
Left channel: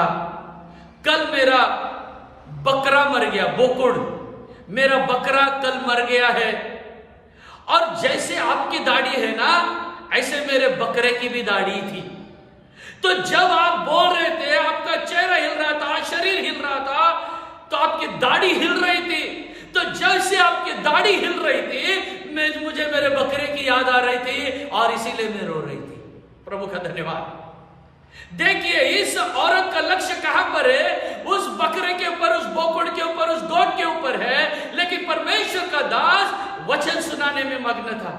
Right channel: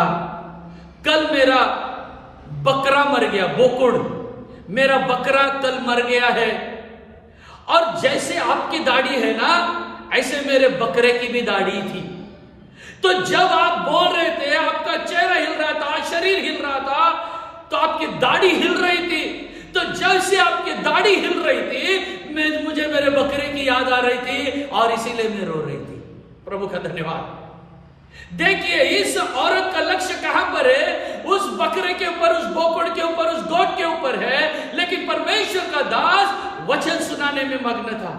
कल मेरा बकरा मर गया, बोकुड़, मेरा बकरा कल मर गया है, और जैसे आपकी दाढ़ी है ना, ऐसे मेरे बकरे की भी दाढ़ी थी। तो जब आप बोल रहे थे, आपका चेहरा हिल रहा था, शरीर हिल रहा था, तो आपकी दाढ़ी हिल रही थी। तो जैसे आपकी दाढ़ी हिल रही थी, मुझे मेरे बकरे की याद आ रही थी, और इसीलिए मैं रो रही थी। प्रभु का धन्यवाद। देखिए, इस औरत का लक्ष्य कहां पर है? उस बकरे के ऊपर, उस बोकड़ के ऊपर, उस गोट के ऊपर है। लेकिन परमेश्वर का दास वचन सुनाने में मग्न था।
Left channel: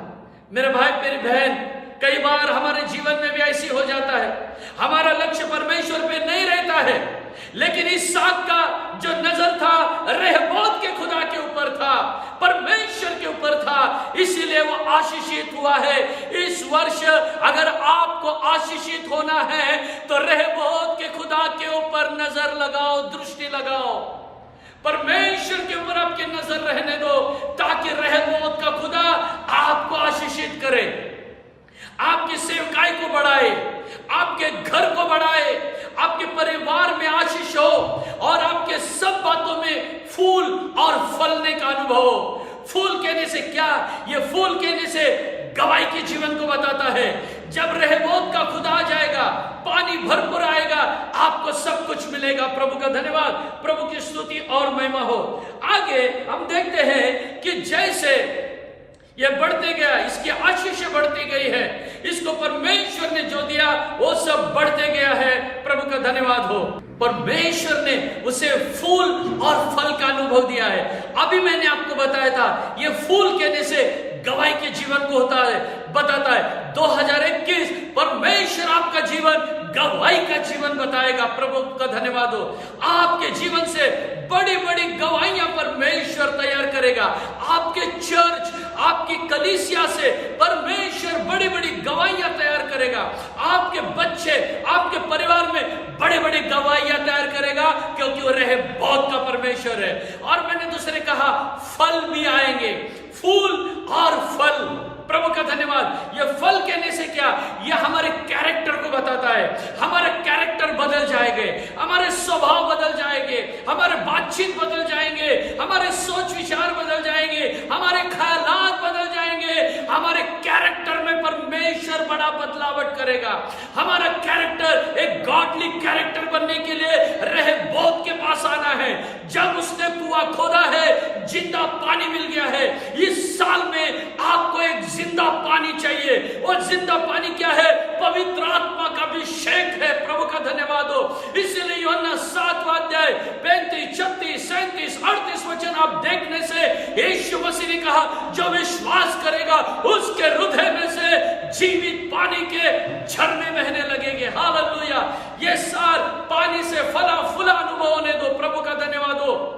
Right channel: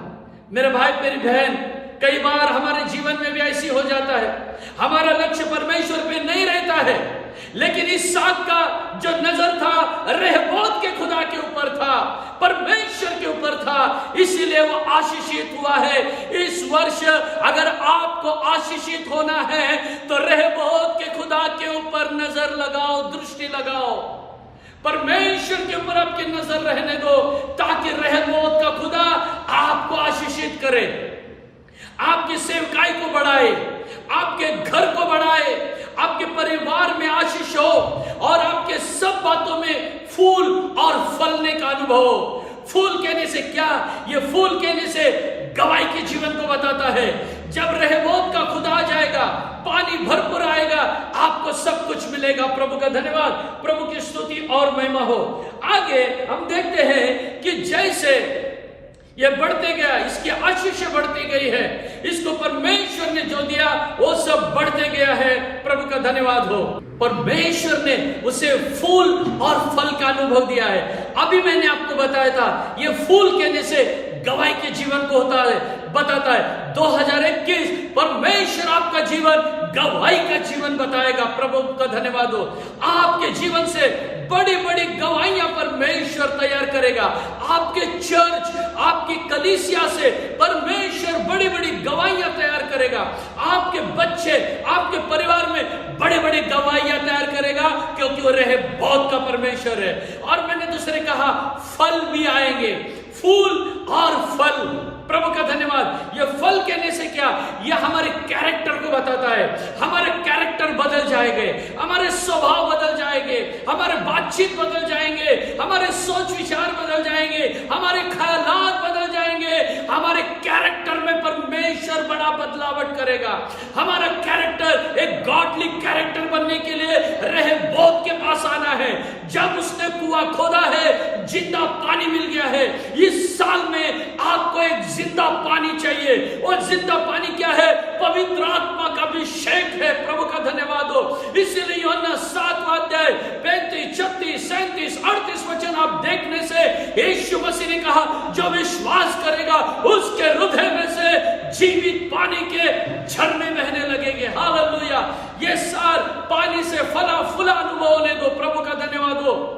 मेरे भाई मेरी बहन, कई बार हमारे जीवन में भी ऐसी हो जाता है, हमारा लक्ष्य परमेश्वर पे नहीं रहता है। लेकिन इसहाक का जो नजर था रहबोत के खुदा के ऊपर था, परमेश्वर के ऊपर था। इसीलिए वो आशीषित हुआ है। इस वर्ष अगर आपको आशीषित होना है तो रहबोत के खुदा के ऊपर नजर लगाओ, दृष्टि लगाओ, परमेश्वर के ऊपर आपकी नजर रहने दो, ताकि रहबोत का खुदा आपको आशीषित करे, आपकी सेवकाई को बढ़ाए, आपके घर को बढ़ाए, आपके परिवार में आशीष हो और आपके सब बातों में फूल और फलने का अनुभव हो। फूल कहने से क्या? ये फूल कहने से गवाही के जीवन को बताता है। जब रहबोत का खुदा आ जाएगा, पानी भरपूर आएगा, आपको सब कुछ मिलेगा। प्रभु का धन्यवाद, प्रभु की स्तुति और महिमा हो। आगे हम देखते हैं कि जैसे ये बढ़ते गया, इसकी आशीष बढ़ती गई है, इसको परमेश्वर ने जो दिया वो सब बढ़ते गया है। प्रभु का धन्यवाद हो। परमेश्वर ने उसे फूल और फल का अनुभव दिया है। अभी मैंने आपको बताया था, ये फूल कहने से गवाही के जीवन को होता है, बताता है। 2021 परमेश्वर आपका जीवन गवाही का जीवन बताएगा। प्रभु का धन्यवाद हो। आपके जीवन से बड़ी बड़ी गवाहियां परमेश्वर तैयार करेगा। आपके चर्च, आपकी कलीसिया से परमेश्वर बड़ी बड़ी गवाहियां तैयार करेगा। आपके बच्चे, आपके परिवार में बड़ी बड़ी गवाहियां तैयार करेगा, क्योंकि वो रहबोत का परमेश्वर है। और मैंने दूसरे कहा, फल भी आएंगे, फूल और फल। प्रभु का धन्यवाद। ये फल कहने से क्या? ये हमारे कैरेक्टर को बताता है। हमारे कैरेक्टर बदल जाएंगे, हमारे स्वभाव बदल जाएंगे, हमारे बातचीत बदल जाएंगे, हमारे सोच विचार बदल जाएंगे, हमारे ख्यालात बदल जाएंगे। हमारे कैरेक्टर में परमेश्वर बड़ा बदलावट करेगा। हमारा कैरेक्टर एक गॉडली कैरेक्टर बनने के लिए रहबोत के पास आना है। जब उसने कुआं खोदा है, जिंदा पानी मिल गया है। इस साल में आपको एक जिंदा पानी चाहिए। वो जिंदा पानी क्या है? पवित्र आत्मा का अभिषेक है। प्रभु का धन्यवाद हो। इसीलिए यूहन्ना 7वां अध्याय 35, 36, 37, 38 वचन आप देखने से यीशु मसीह ने कहा, जो विश्वास करेगा उसके हृदय में से जीवित पानी के झरने बहने लगेंगे। हालेलुया। ये सार पानी से फला फूला अनुभव होने दो। प्रभु का धन्यवाद हो।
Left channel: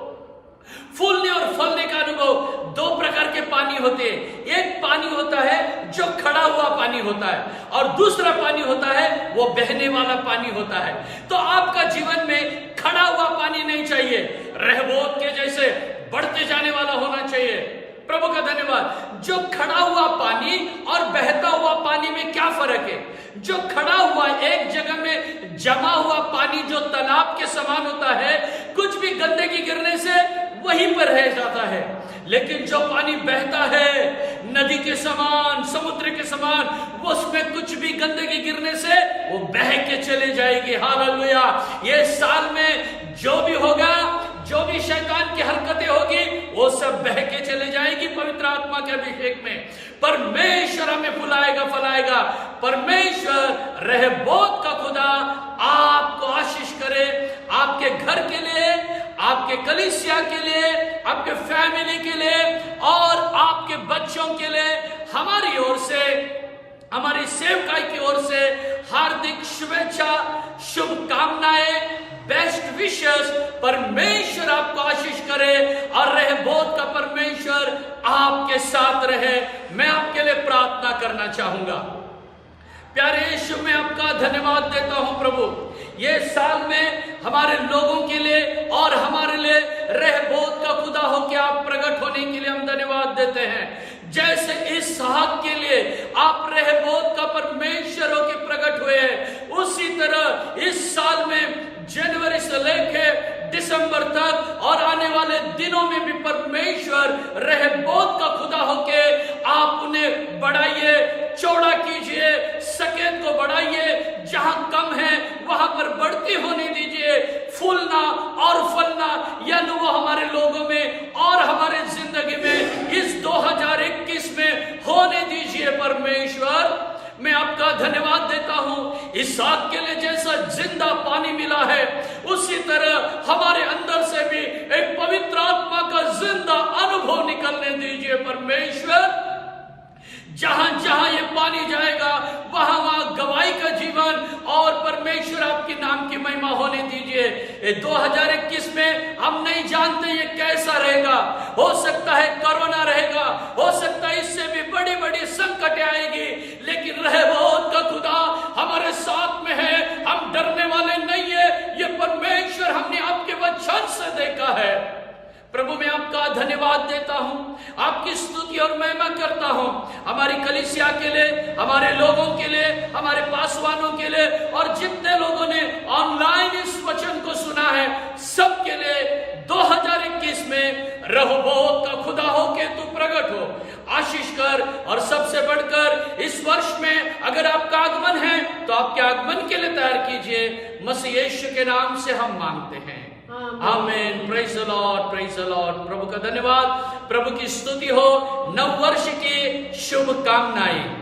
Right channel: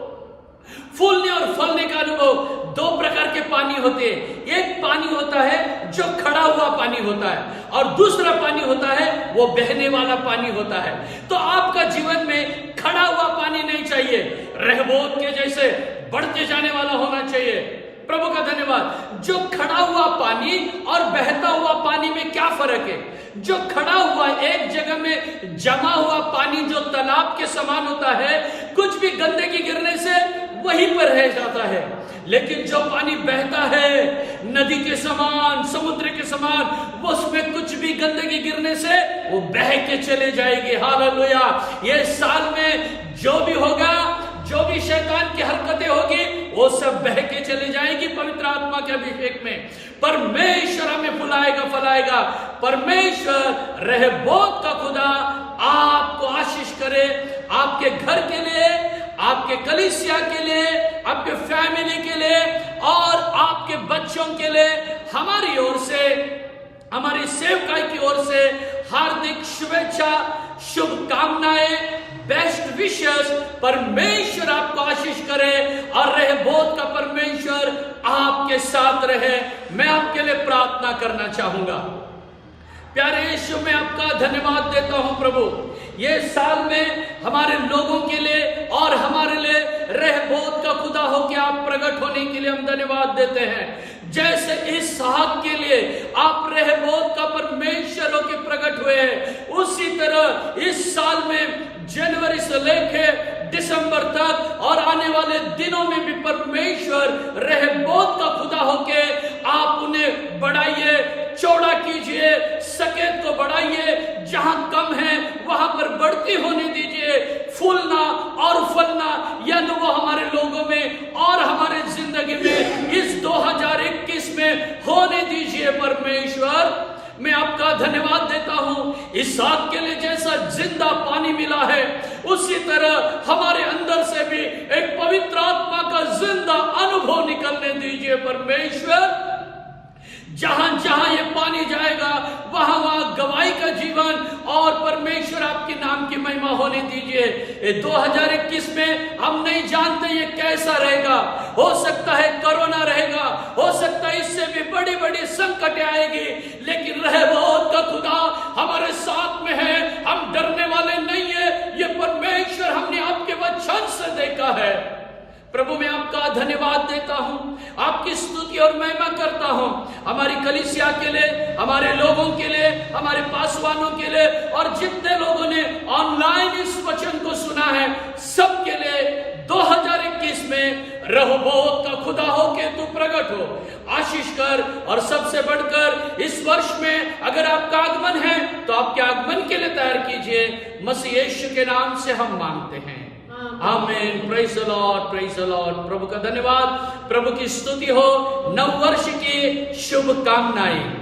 फूलने और फलने का अनुभव, दो प्रकार के पानी होते हैं। एक पानी होता है जो खड़ा हुआ पानी होता है, और दूसरा पानी होता है वो बहने वाला पानी होता है। तो आपका जीवन में खड़ा हुआ पानी नहीं चाहिए, रहबोत के जैसे बढ़ते जाने वाला होना चाहिए। प्रभु का धन्यवाद। जो खड़ा हुआ पानी और बहता हुआ पानी में क्या फर्क है? जो खड़ा हुआ एक जगह में जमा हुआ पानी जो तालाब के समान होता है, कुछ भी गंदगी गिरने से वहीं पर रह जाता है। लेकिन जो पानी बहता है नदी के समान, समुद्र के समान, वो उसमें कुछ भी गंदगी गिरने से वो बह के चले जाएगी। हालेलुया। ये साल में जो भी होगा, जो भी शैतान की हरकतें होगी, वो सब बह के चले जाएगी पवित्र आत्मा के अभिषेक में। परमेश्वर हमें फुलाएगा, फलाएगा। परमेश्वर रहबोत का खुदा आपको आशीष करे, आपके घर के लिए, आपके कलीसिया के लिए, आपके फैमिली के लिए और आपके बच्चों के लिए हमारी ओर से, हमारी सेवकाई की ओर से हार्दिक शुभेच्छा, शुभकामनाएं, बेस्ट विशेस। परमेश्वर आपको आशीष करे और रहबोत का परमेश्वर आपके साथ रहे। मैं आपके लिए प्रार्थना करना चाहूंगा। प्यारे यीशु, मैं आपका धन्यवाद देता हूं प्रभु। ये साल में हमारे लोगों के लिए और हमारे लिए रहबोत का खुदा हो के आप प्रकट होने के लिए हम धन्यवाद देते हैं। जैसे इसहाक के लिए आप रहबोत का परमेश्वर हो के प्रकट हुए हैं, उसी तरह इस साल में जनवरी से लेकर दिसंबर तक और आने वाले दिनों में भी परमेश्वर रहबोत का खुदा होके आप उन्हें बढ़ाइए, चौड़ा कीजिए, सकेत को बढ़ाइए, जहां कम है वहां पर बढ़ती होने दीजिए। फूलना और फलना यह अनुभव हमारे लोगों में और हमारे जिंदगी में इस 2021 में होने दीजिए। परमेश्वर, मैं आपका धन्यवाद देता हूं। इसहाक के लिए जैसा जिंदा पानी मिला है, उसी तरह हमारे अंदर से भी एक पवित्र आत्मा का जिंदा अनुभव निकलने दीजिए। परमेश्वर, जहां जहां ये पानी जाएगा वहां वहां गवाही का जीवन, और परमेश्वर आपके नाम की महिमा होने दीजिए। 2021 में हम नहीं जानते ये कैसा रहेगा, हो सकता है कोरोना रहेगा, हो सकता है इससे भी बड़ी बड़ी संकट आएगी, लेकिन रहमत का खुदा हमारे साथ में है, हम डरने वाले नहीं है। ये परमेश्वर हमने आपके वचन से देखा है। प्रभु मैं आपका धन्यवाद देता हूं, आपकी स्तुति और महिमा करता हूं, हमारी कलीसिया के लिए, हमारे लोगों के लिए, हमारे पासवानों के लिए, और जितने लोगों ने ऑनलाइन इस वचन को सुना है सबके लिए 2021 में रहोबोत का खुदा हो के तू प्रकट हो, आशीष कर। और सबसे बढ़कर इस वर्ष में अगर आपका आगमन है तो आपके आगमन के लिए तैयार कीजिए। मसीह यीशु के नाम से हम मांगते हैं, आमीन। Praise the lord, praise the lord. प्रभु का धन्यवाद, प्रभु की स्तुति हो। नव वर्ष की शुभकामनाएं।